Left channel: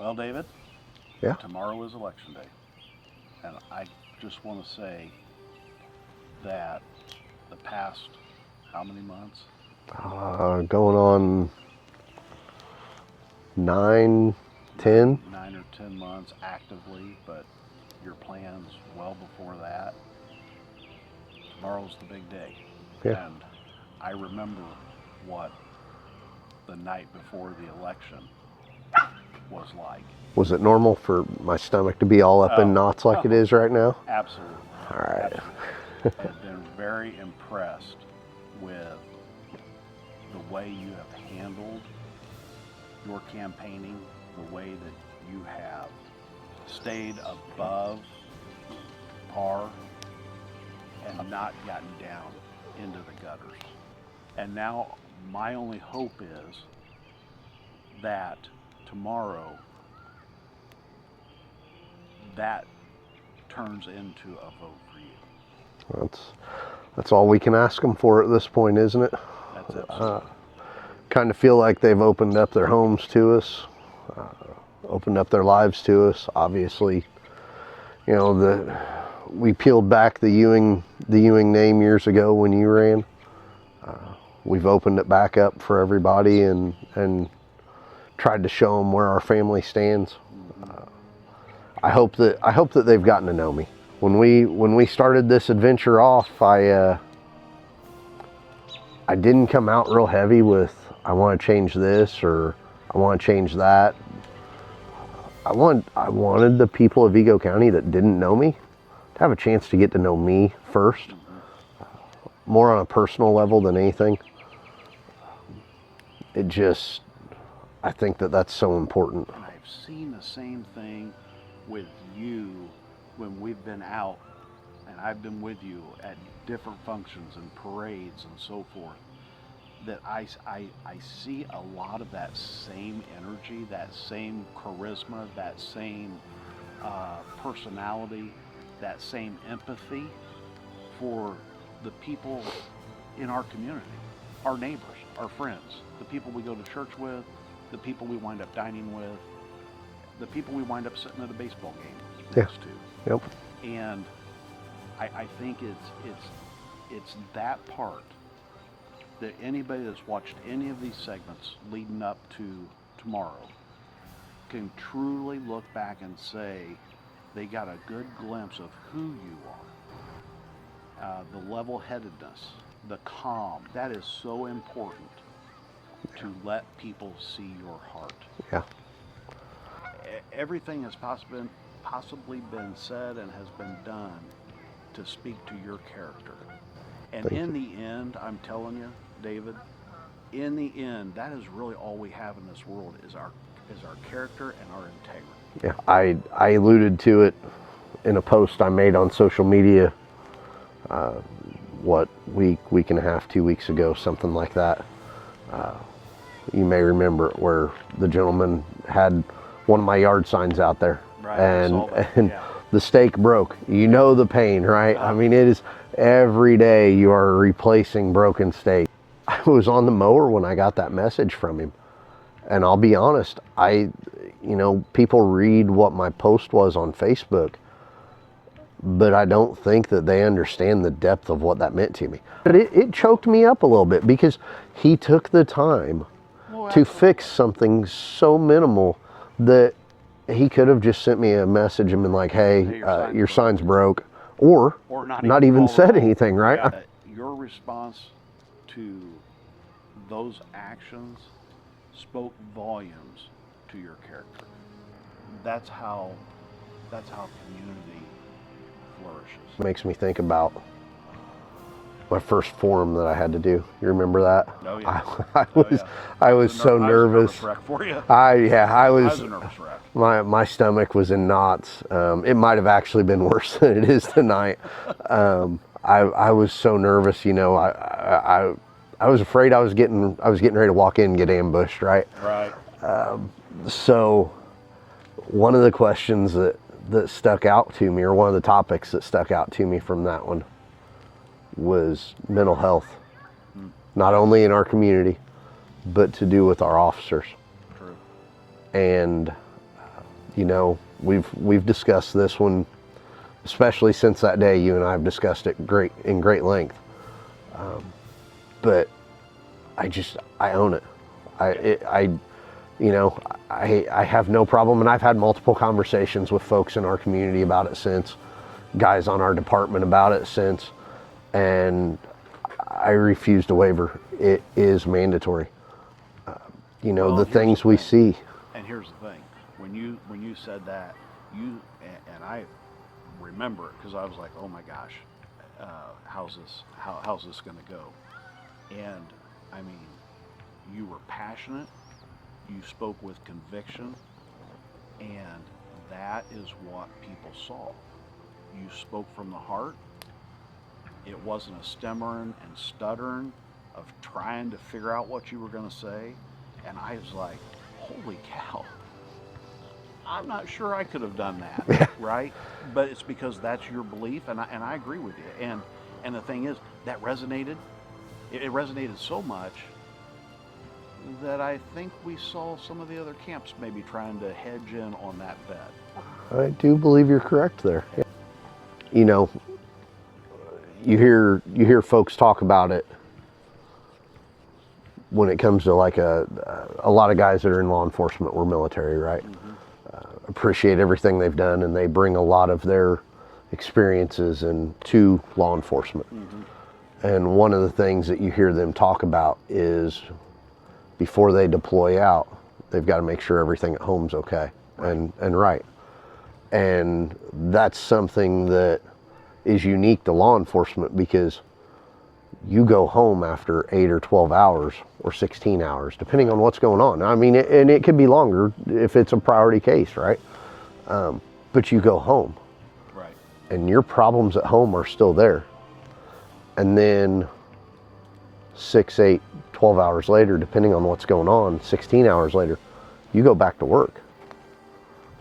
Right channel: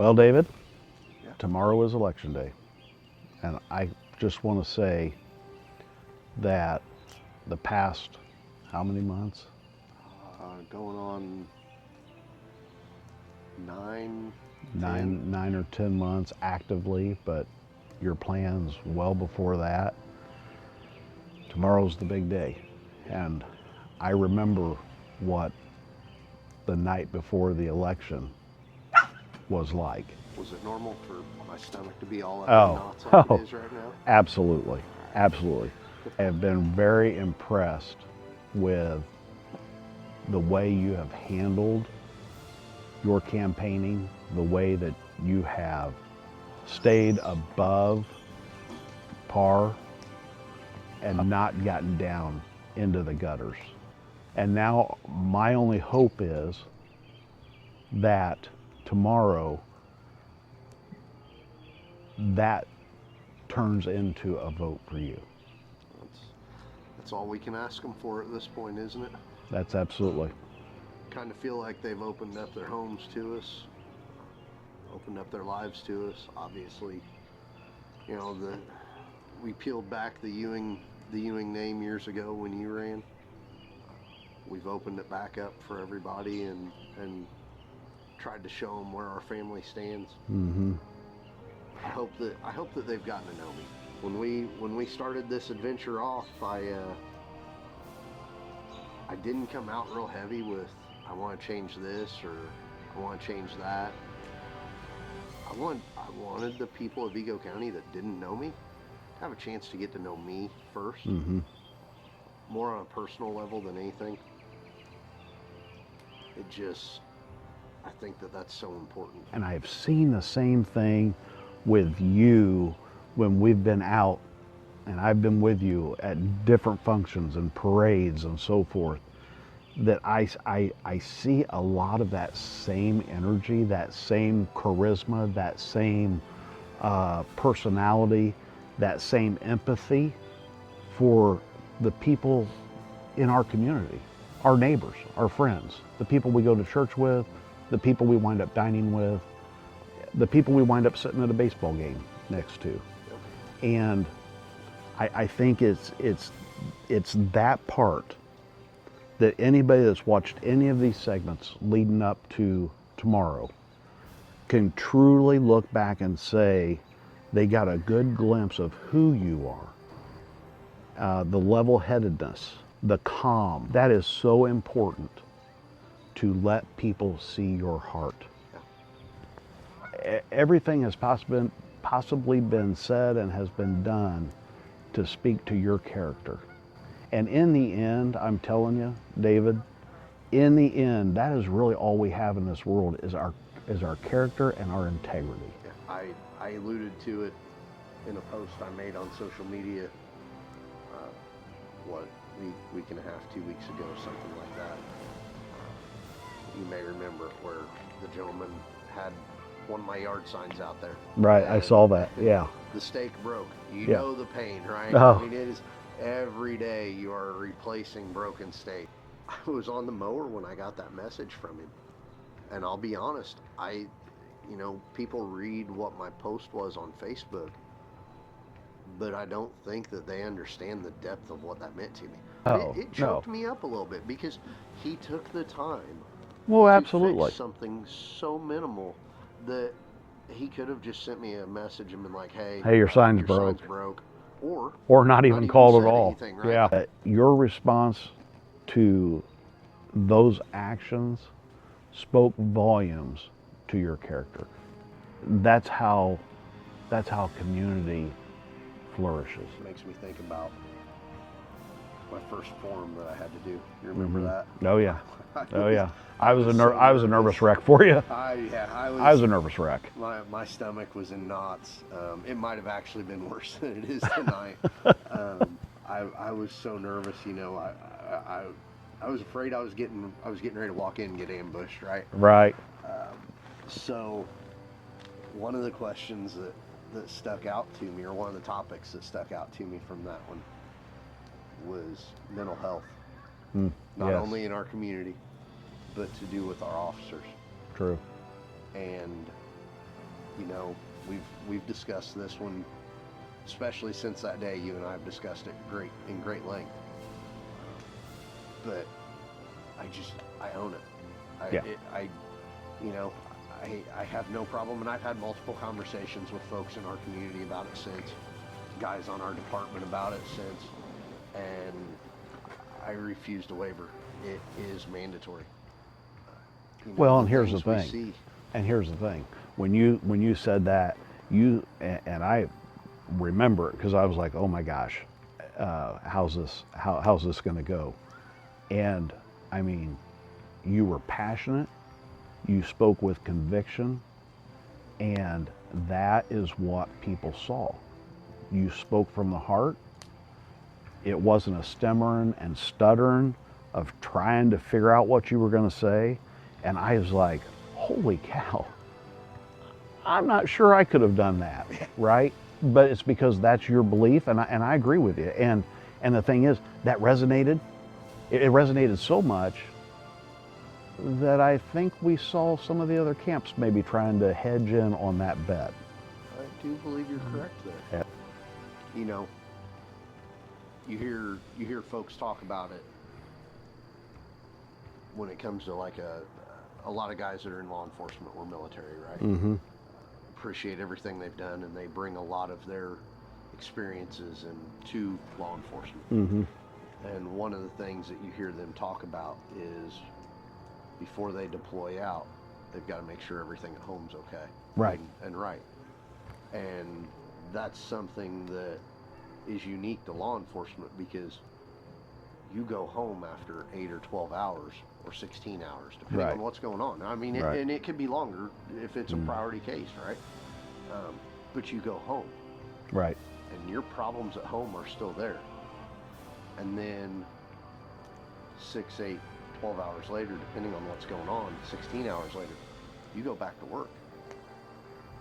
Well, David, Yeah. tomorrow is election day. And I just want to say that the past, how many months? Going on 9, 10. 9 or 10 months actively, but your plans well before that. Tomorrow's the big day. Yeah. And I remember what the night before the election was like. Was it normal for my stomach to be all up in knots like it is right now? Absolutely. All right. Absolutely. I have been very impressed with the way you have handled your campaigning, the way that you have stayed above par and not gotten down into the gutters. And now my only hope is that tomorrow that turns into a vote for you. That's all we can ask them for at this point, isn't it? That's absolutely. Kind of feel like they've opened up their homes to us, opened up their lives to us. Obviously, you know, we peeled back the Ewing name years ago when you ran. We've opened it back up for everybody and tried to show them where our family stands. Mm-hmm. I hope that they've gotten to know me. When we started this adventure off, I didn't come out real heavy with I want to change this or I want to change that. I wanted the people of Vigo County that didn't know me to have a chance to get to know me first, more on a personal level than anything. I think that that's so important. And I've seen the same thing with you when we've been out, and I've been with you at different functions and parades and so forth, that I see a lot of that same energy, that same charisma, that same personality, that same empathy for the people in our community, our neighbors, our friends, the people we go to church with, the people we wind up dining with, the people we wind up sitting at a baseball game next to. Yep. And I think it's that part that anybody that's watched any of these segments leading up to tomorrow can truly look back and say they got a good glimpse of who you are. The level-headedness, the calm, that is so important to let people see your heart. Yeah. Everything has possibly been said and has been done to speak to your character. And in the end, I'm telling you, David, in the end, that is really all we have in this world is our character and our integrity. Yeah. I alluded to it in a post I made on social media, week and a half, 2 weeks ago, something like that. You may remember it, where the gentleman had one of my yard signs out there. Right, I saw that. And yeah. The stake broke. You know the pain, right? I mean, it is every day you are replacing broken stake. I was on the mower when I got that message from him. And I'll be honest, people read what my post was on Facebook, but I don't think that they understand the depth of what that meant to me. But it choked me up a little bit because he took the time to fix something so minimal that he could have just sent me a message and been like, hey your sign's broke. Or not even said anything, right? Yeah. Your response to those actions spoke volumes to your character. That's how community flourishes. It makes me think about my first forum that I had to do. You remember that? Oh yeah. I was so nervous. I was a nervous wreck for you. I was a nervous wreck. My stomach was in knots. It might have actually been worse than it is tonight. I was so nervous. I was afraid I was getting ready to walk in and get ambushed. Right. Right. So one of the questions that stuck out to me, or one of the topics that stuck out to me from that one, was mental health, not only in our community, but to do with our officers. True. And You know, we've discussed this one, especially since that day. You and I have discussed it in great length. But I own it. I have no problem, and I've had multiple conversations with folks in our community about it since, guys on our department about it since, and I refuse to waver. It is mandatory. Well, the and here's things the we thing. see. And here's the thing: when you said that, and I remember it because I was like, oh my gosh, how's this going to go? And I mean, you were passionate, you spoke with conviction, and that is what people saw. You spoke from the heart. It wasn't a stammering and stuttering of trying to figure out what you were going to say. And I was like, holy cow, I'm not sure I could have done that, right? But it's because that's your belief, and I agree with you. And the thing is, that resonated. It resonated so much that I think we saw some of the other camps maybe trying to hedge in on that bet. I do believe you're correct there. Yeah. You know, you hear folks talk about it when it comes to like a lot of guys that are in law enforcement were military, right? Mm-hmm. Appreciate everything they've done, and they bring a lot of their experiences into law enforcement. Mm-hmm. And one of the things that you hear them talk about is before they deploy out, they've got to make sure everything at home's okay. Right. And right. And that's something that is unique to law enforcement, because you go home after 8 or 12 hours or 16 hours, depending Right. on what's going on. I mean, and it could be longer if it's a priority case, right? But you go home. Right. And your problems at home are still there. And then 6, 8, 12 hours later, depending on what's going on, 16 hours later, you go back to work.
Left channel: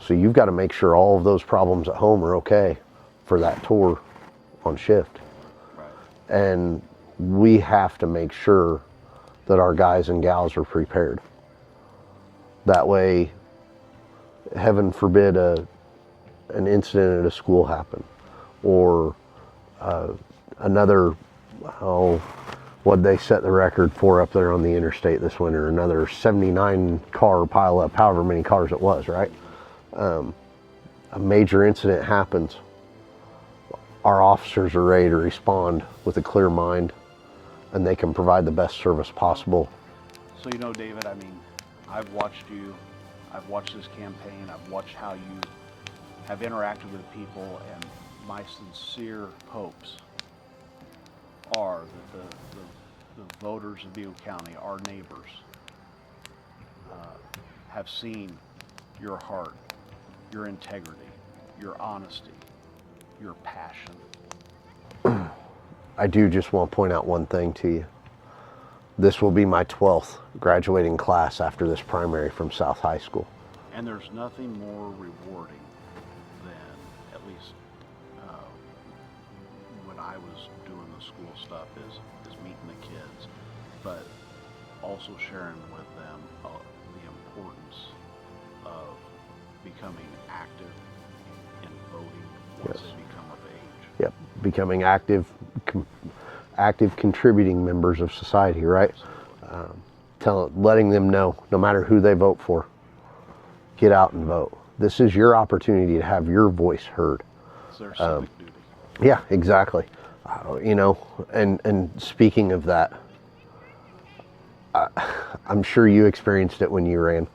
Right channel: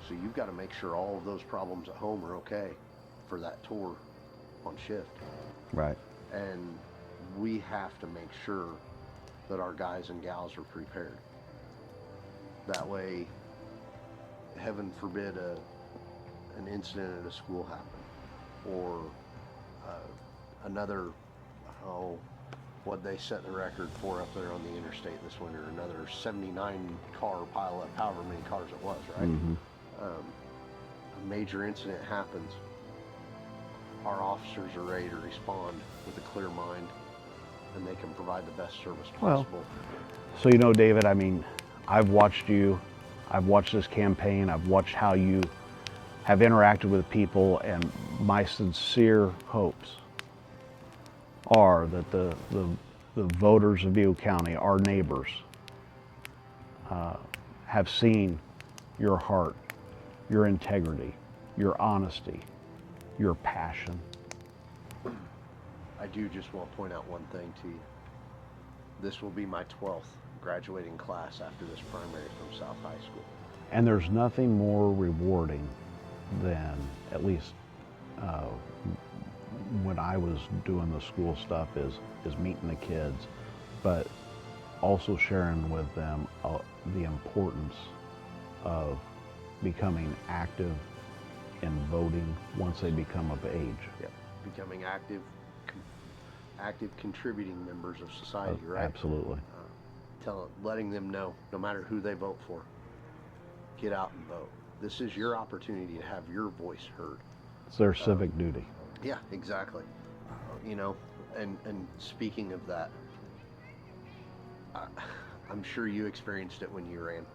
So you've got to make sure all of those problems at home are okay for that tour on shift. Right. And we have to make sure that our guys and gals are prepared. That way, heaven forbid an incident at a school happen, or another, what'd they set the record for up there on the interstate this winter? Another 79 car pile up, however many cars it was, right? Mm-hmm. A major incident happens. Our officers are ready to respond with a clear mind, and they can provide the best service possible. So, David, I mean, I've watched you, I've watched this campaign, I've watched how you have interacted with people, and my sincere hopes are that the voters of Butte County, our neighbors, have seen your heart, your integrity, your honesty, your passion. I do just want to point out one thing to you. This will be my 12th graduating class after this primary from South High School. And there's nothing more rewarding than, at least when I was doing the school stuff, is meeting the kids, but also sharing with them the importance of becoming active in voting once they become of age. Yep, becoming active contributing members of society, right? Absolutely. Letting them know, no matter who they vote for, get out and vote. This is your opportunity to have your voice heard. It's their civic duty. Yeah, exactly. And speaking of that, I'm sure you experienced it when you ran.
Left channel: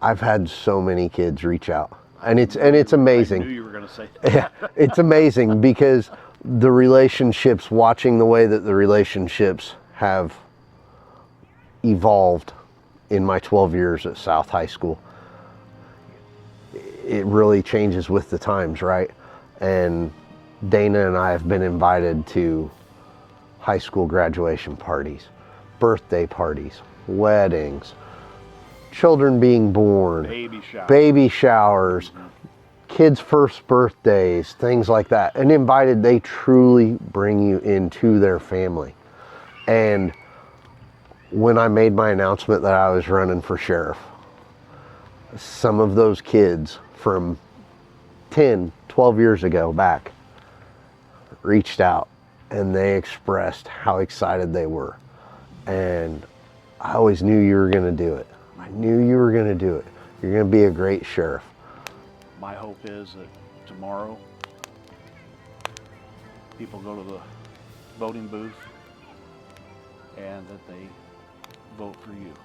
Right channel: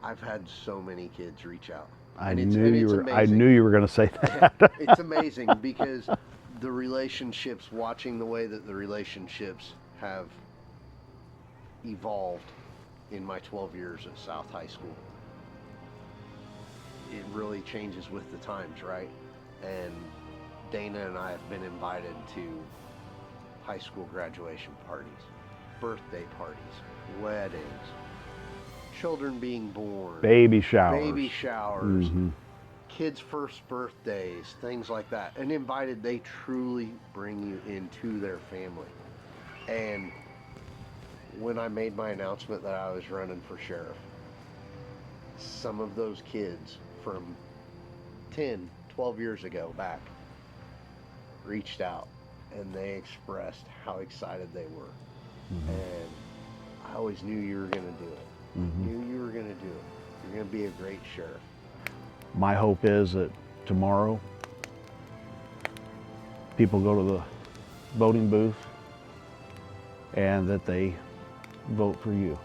I've had so many kids reach out, and it's amazing. I knew you were going to say that. Yeah, it's amazing because the relationships, watching the way that the relationships have evolved in my 12 years at South High School, it really changes with the times, right? And Dana and I have been invited to high school graduation parties, birthday parties, weddings, children being born, Baby showers, kids' first birthdays, things like that. And invited, they truly bring you into their family. And when I made my announcement that I was running for sheriff, some of those kids from 10, 12 years ago back reached out and they expressed how excited they were. And I always knew you were going to do it. I knew you were going to do it. You're going to be a great sheriff. My hope is that tomorrow people go to the voting booth and that they vote for you.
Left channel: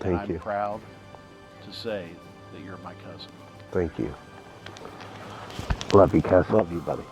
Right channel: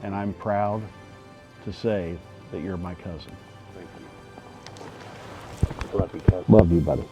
Thank and I'm you. proud to say that you're my cousin. Thank you. Love you, cousin. Love you, buddy.